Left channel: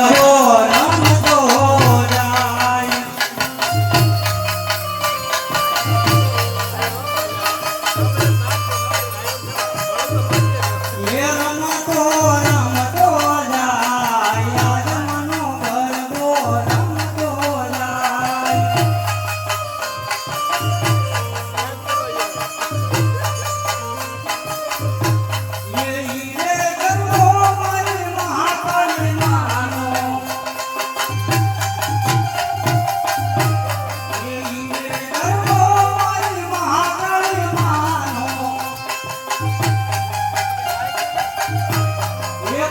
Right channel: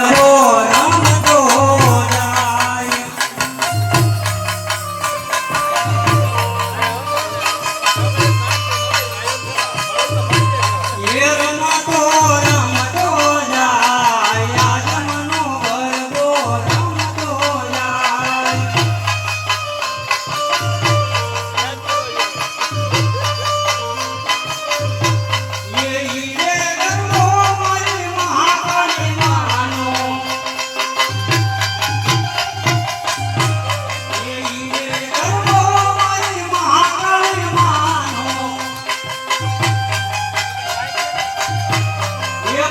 নমো